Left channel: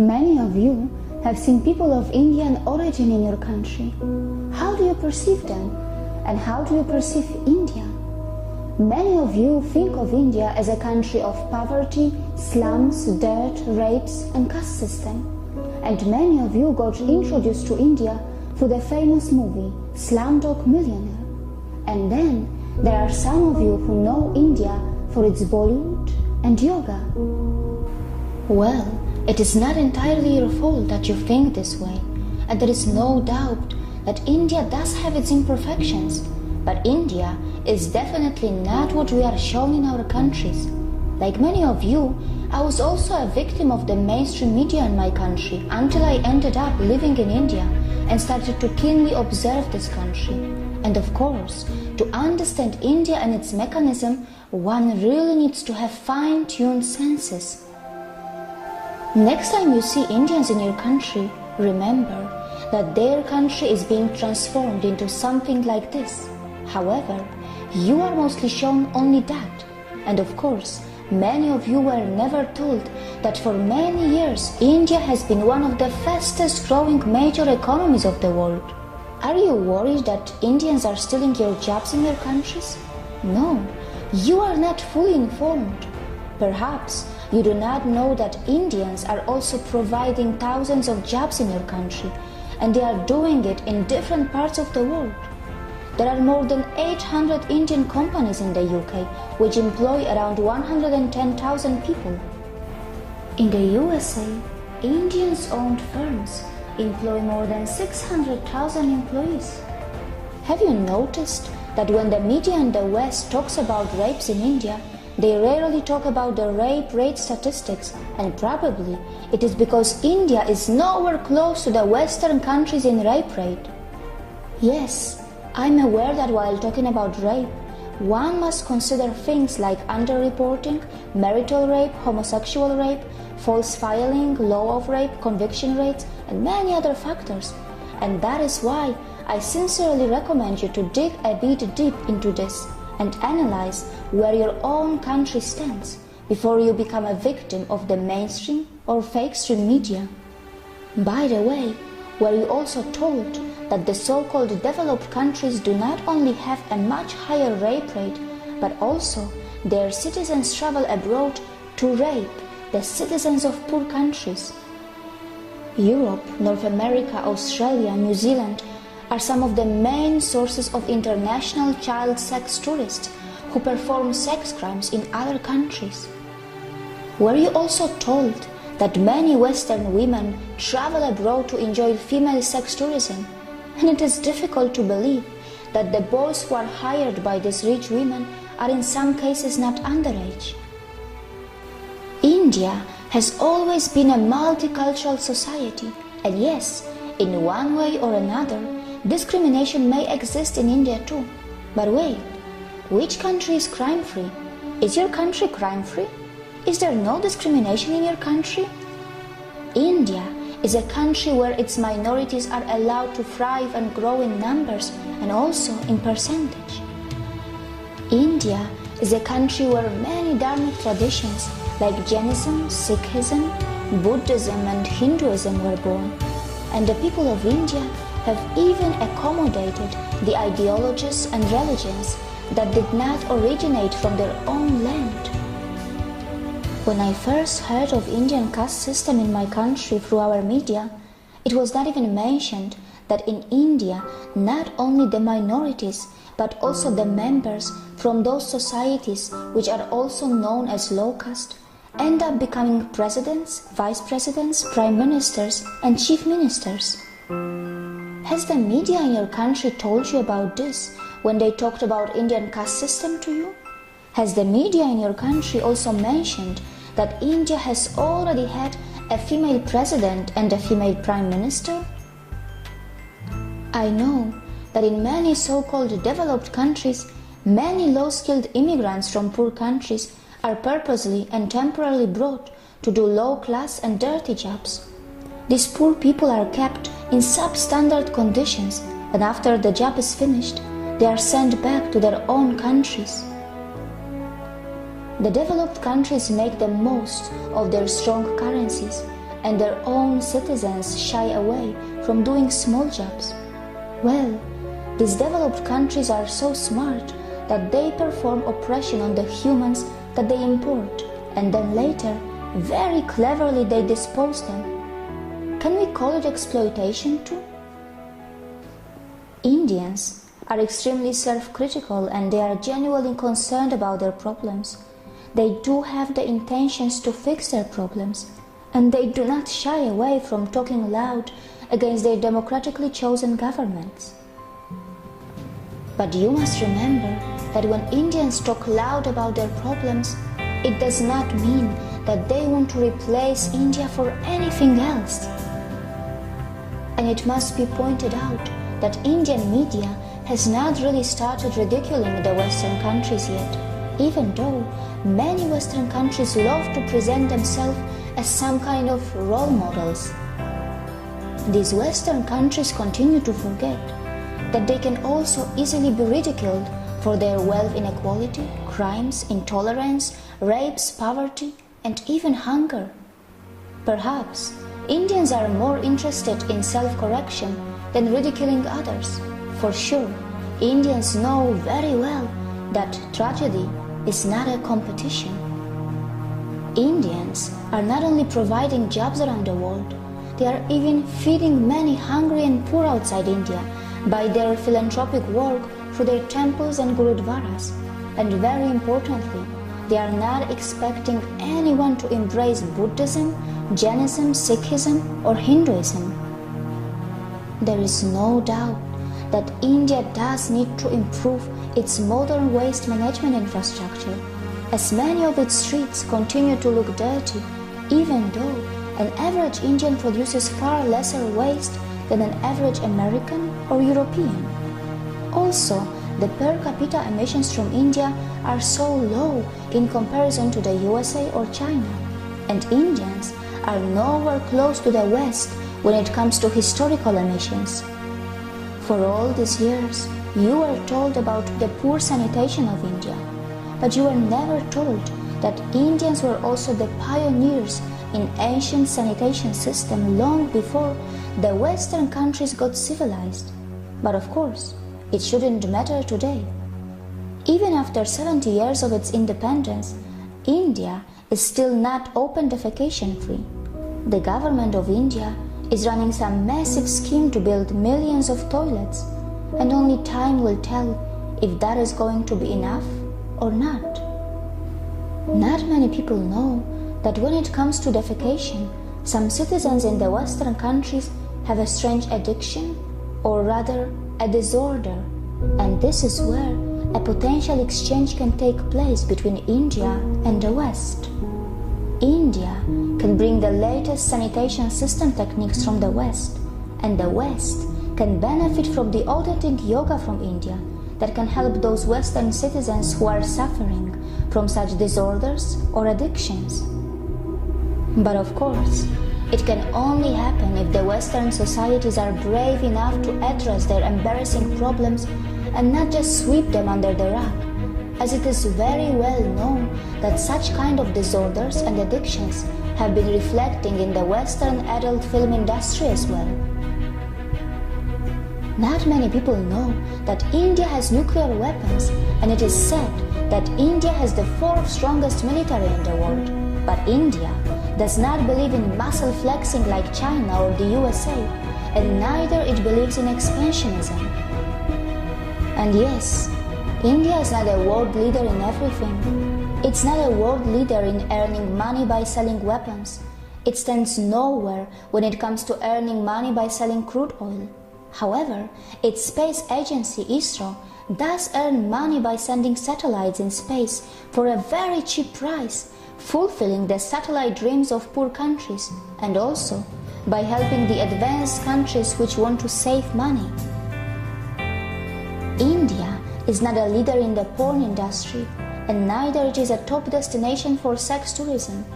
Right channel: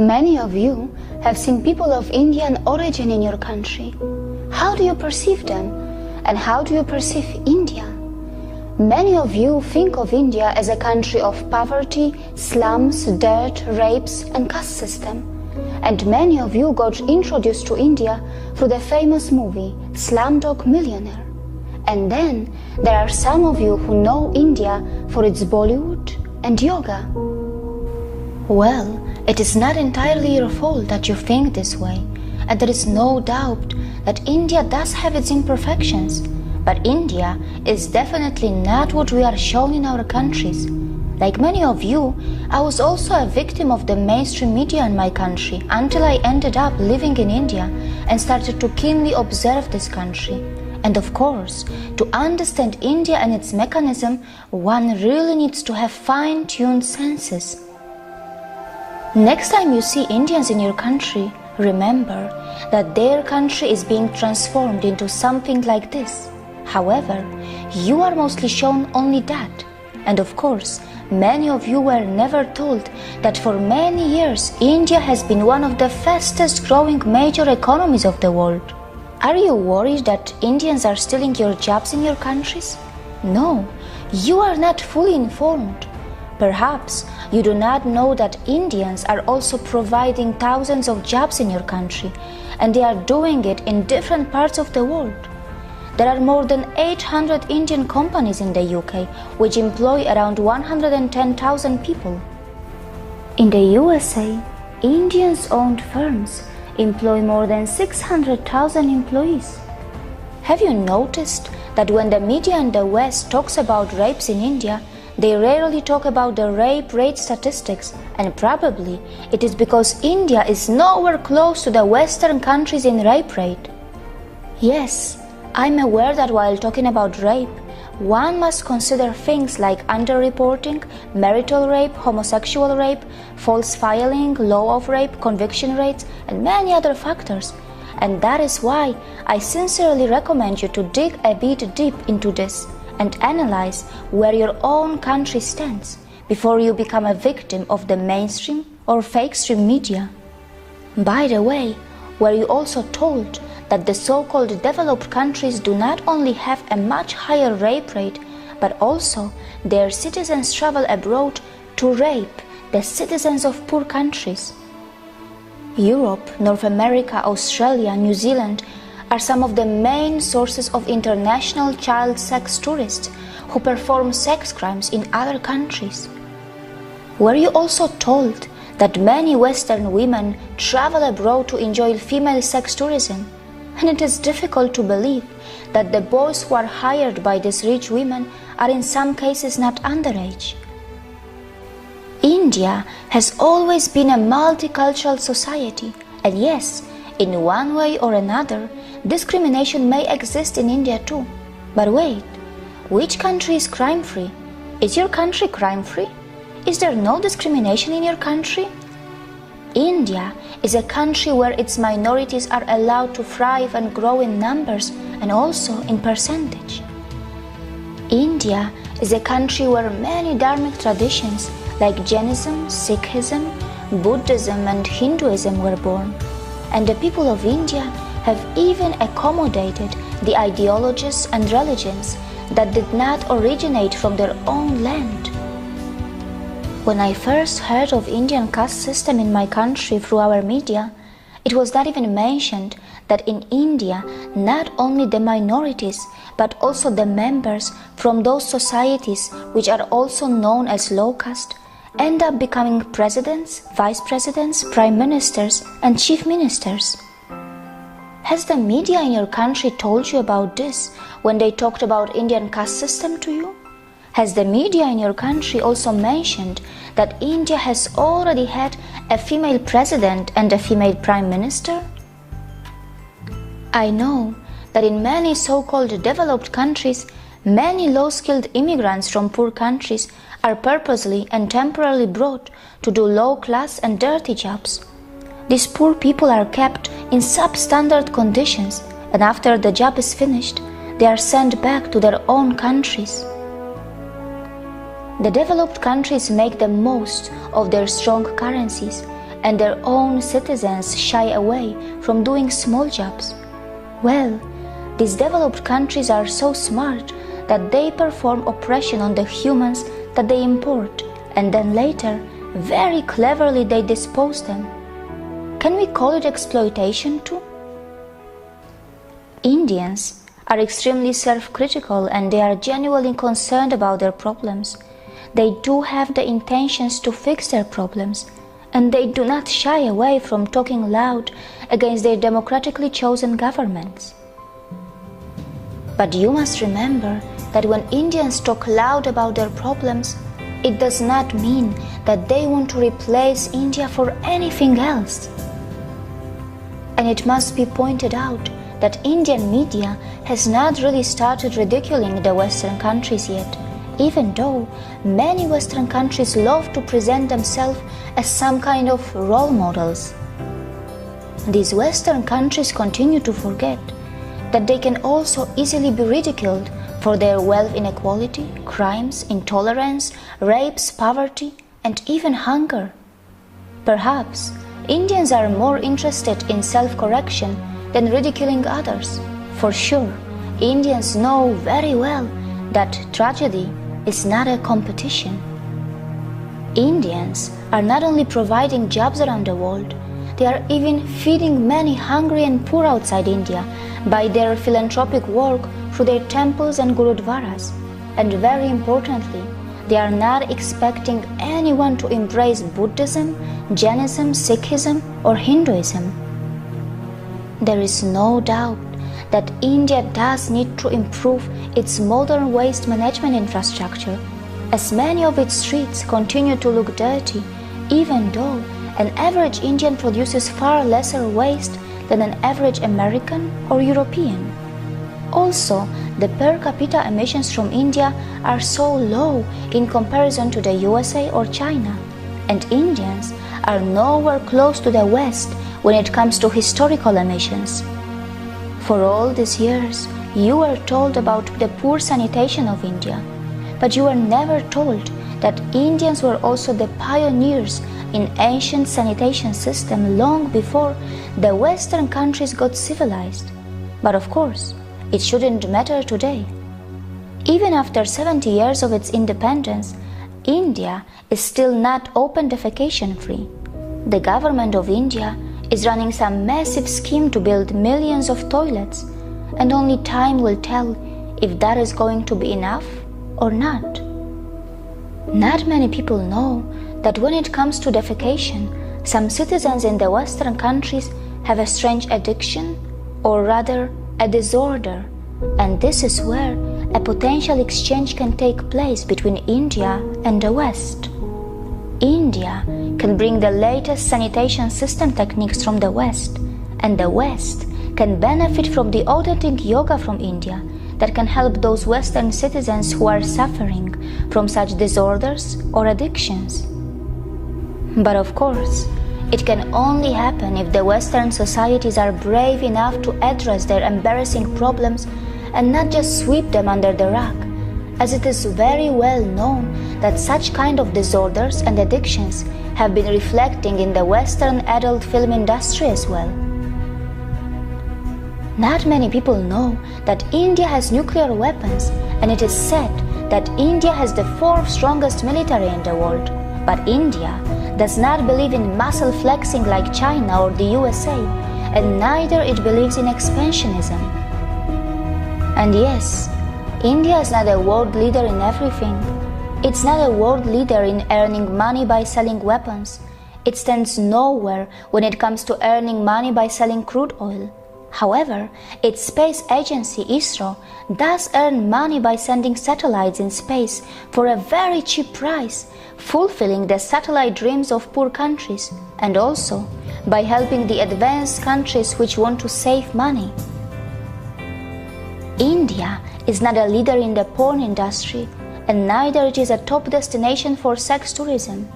Many of you have seen people of Indian origin in your country. How do you perceive them? And how do you perceive India? Many of you think of India as a country of poverty, slums, dirt, rapes, and caste system. And many of you got introduced to India through the famous movie Slumdog Millionaire. And then there are some of you who know India for its Bollywood and yoga. Well, it is not entirely your fault that you think this way, and there is no doubt that India does have its imperfections, but India is definitely not what we are shown in our countries. Like many of you, I was also a victim of the mainstream media in my country until I ended up living in India and started to keenly observe this country. And of course, to understand India and its mechanism, one really needs to have fine-tuned senses. Next time you see Indians in your country, remember that their country is being transformed into something like this. However, you are mostly shown only that. And of course, many of you were never told that for many years India has been one of the fastest growing major economies of the world. Are you worried that Indians are stealing your jobs in your countries? No, you are not fully informed. Perhaps you do not know that Indians are also providing thousands of jobs in your country, and they are doing it in different parts of the world. There are more than 800 Indian companies in the UK, which employ around 110,000 people. In the USA, Indians-owned firms employ more than 600,000 employees. Have you noticed that when the media in the West talks about rapes in India, they rarely talk about the rape rate statistics, and probably it is because India is nowhere close to the Western countries in rape rate. Yes, I'm aware that while talking about rape, one must consider things like underreporting, marital rape, homosexual rape, false filing, law of rape, conviction rates, and many other factors. And that is why I sincerely recommend you to dig a bit deep into this and analyze where your own country stands before you become a victim of the mainstream or fake stream media. By the way, were you also told that the so-called developed countries do not only have a much higher rape rate, but also their citizens travel abroad to rape the citizens of poor countries? Europe, North America, Australia, New Zealand are some of the main sources of international child sex tourists who perform sex crimes in other countries. Were you also told that many Western women travel abroad to enjoy female sex tourism? And it is difficult to believe that the boys who are hired by these rich women are in some cases not underage. India has always been a multicultural society, and yes, in one way or another, discrimination may exist in India too. But wait, which country is crime-free? Is your country crime-free? Is there no discrimination in your country? India is a country where its minorities are allowed to thrive and grow in numbers and also in percentage. India is a country where many dharmic traditions like Jainism, Sikhism, Buddhism and Hinduism were born, and the people of India have even accommodated the ideologies and religions that did not originate from their own land. When I first heard of Indian caste system in my country through our media, it was not even mentioned that in India not only the minorities but also the members from those societies which are also known as low caste end up becoming presidents, vice presidents, prime ministers and chief ministers. Has the media in your country told you about this when they talked about Indian caste system to you? Has the media in your country also mentioned that India has already had a female president and a female prime minister? I know that in many so-called developed countries, many low-skilled immigrants from poor countries are purposely and temporarily brought to do low-class and dirty jobs. These poor people are kept in substandard conditions, and after the job is finished, they are sent back to their own countries. The developed countries make the most of their strong currencies and their own citizens shy away from doing small jobs. Well, these developed countries are so smart that they perform oppression on the humans that they import, and then later, very cleverly they dispose them. Can we call it exploitation too? Indians are extremely self-critical and they are genuinely concerned about their problems. They do have the intentions to fix their problems, and they do not shy away from talking loud against their democratically chosen governments. But you must remember that when Indians talk loud about their problems, it does not mean that they want to replace India for anything else. And it must be pointed out that Indian media has not really started ridiculing the Western countries yet, even though many Western countries love to present themselves as some kind of role models. These Western countries continue to forget that they can also easily be ridiculed for their wealth inequality, crimes, intolerance, rapes, poverty, and even hunger. Perhaps Indians are more interested in self-correction than ridiculing others. For sure, Indians know very well that tragedy is not a competition. Indians are not only providing jobs around the world, they are even feeding many hungry and poor outside India by their philanthropic work through their temples and gurudwaras. And very importantly, they are not expecting anyone to embrace Buddhism, Jainism, Sikhism, or Hinduism. There is no doubt that India does need to improve its modern waste management infrastructure, as many of its streets continue to look dirty, even though an average Indian produces far lesser waste than an average American or European. Also, the per capita emissions from India are so low in comparison to the USA or China, and Indians are nowhere close to the West when it comes to historical emissions. For all these years, you were told about the poor sanitation of India, but you were never told that Indians were also the pioneers in ancient sanitation system long before the Western countries got civilized. But of course, it shouldn't matter today. Even after 70 years of its independence, India is still not open defecation free. The government of India is running some massive scheme to build millions of toilets, and only time will tell if that is going to be enough or not. Not many people know that when it comes to defecation, some citizens in the Western countries have a strange addiction, or rather a disorder, and this is where a potential exchange can take place between India and the West. India can bring the latest sanitation system techniques from the West, and the West can benefit from the authentic yoga from India that can help those Western citizens who are suffering from such disorders or addictions. But of course, it can only happen if the Western societies are brave enough to address their embarrassing problems and not just sweep them under the rug, as it is very well known that such kind of disorders and addictions have been reflecting in the Western adult film industry as well. Not many people know that India has nuclear weapons, and it is said that India has the 4th strongest military in the world. But India does not believe in muscle flexing like China or the USA, and neither it believes in expansionism. And yes, India is not a world leader in everything. It's not a world leader in earning money by selling weapons. It stands nowhere when it comes to earning money by selling crude oil. However, its space agency, ISRO, does earn money by sending satellites in space for a very cheap price, fulfilling the satellite dreams of poor countries, and also by helping the advanced countries which want to save money. India is not a leader in the porn industry, and neither it is a top destination for sex tourism.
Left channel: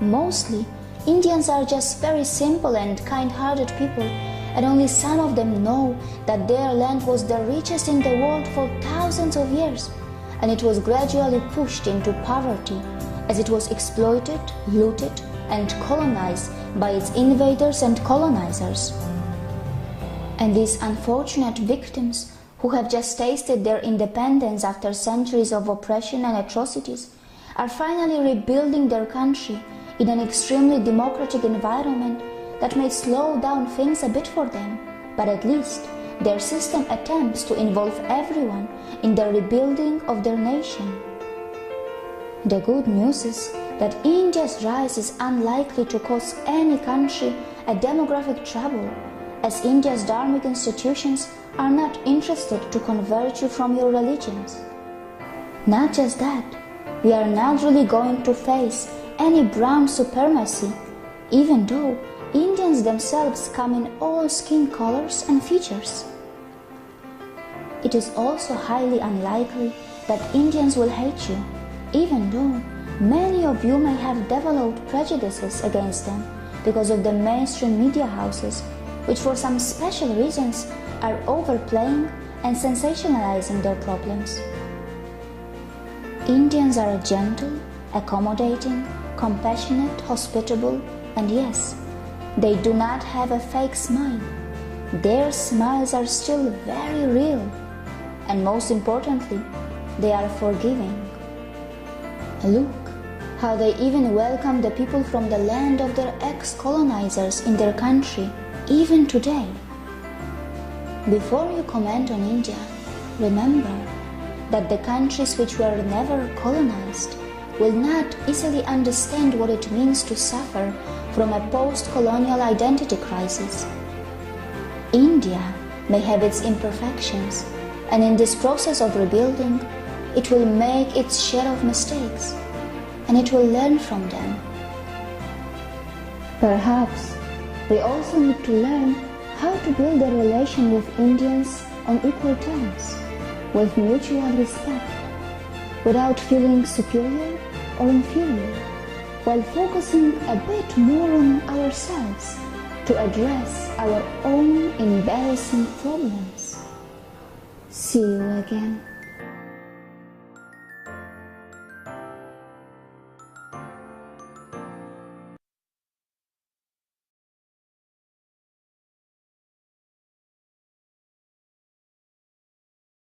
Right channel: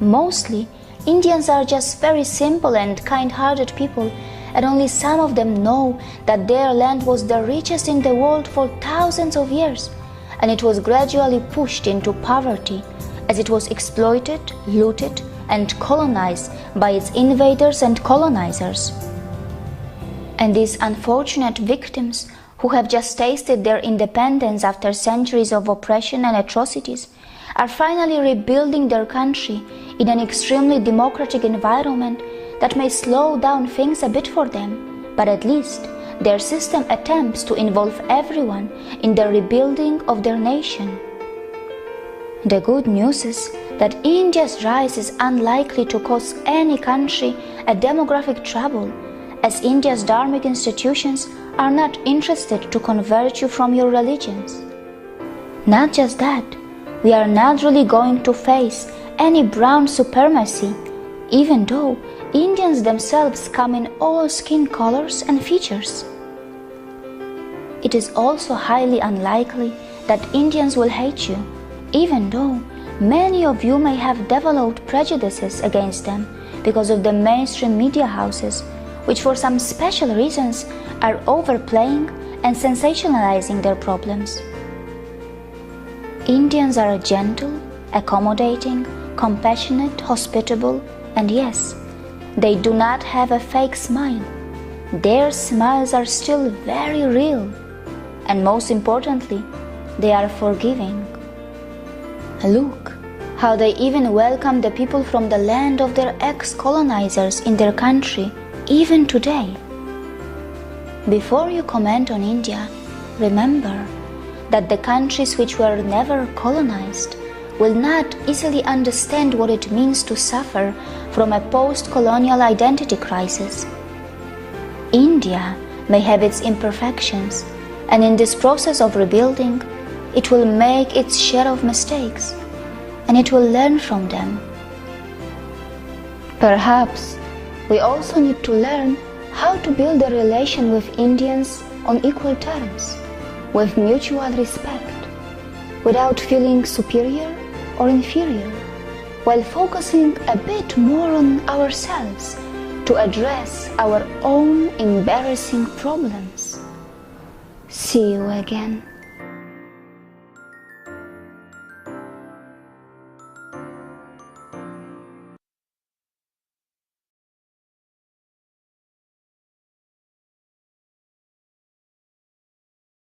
Mostly, Indians are just very simple and kind-hearted people, and only some of them know that their land was the richest in the world for thousands of years, and it was gradually pushed into poverty as it was exploited, looted, and colonized by its invaders and colonizers. And these unfortunate victims who have just tasted their independence after centuries of oppression and atrocities are finally rebuilding their country in an extremely democratic environment that may slow down things a bit for them, but at least their system attempts to involve everyone in the rebuilding of their nation. The good news is that India's rise is unlikely to cause any country a demographic trouble, as India's dharmic institutions are not interested to convert you from your religions. Not just that, we are not really going to face any brown supremacy, even though Indians themselves come in all skin colors and features. It is also highly unlikely that Indians will hate you, even though many of you may have developed prejudices against them because of the mainstream media houses, which for some special reasons are overplaying and sensationalizing their problems. Indians are gentle, accommodating, compassionate, hospitable, and yes, they do not have a fake smile. Their smiles are still very real, and most importantly, they are forgiving. Look how they even welcome the people from the land of their ex-colonizers in their country, even today. Before you comment on India, remember that the countries which were never colonized will not easily understand what it means to suffer from a post-colonial identity crisis. India may have its imperfections, and in this process of rebuilding, it will make its share of mistakes, and it will learn from them. Perhaps we also need to learn how to build a relation with Indians on equal terms, with mutual respect, without feeling superior or inferior, while focusing a bit more on ourselves to address our own embarrassing problems. See you again.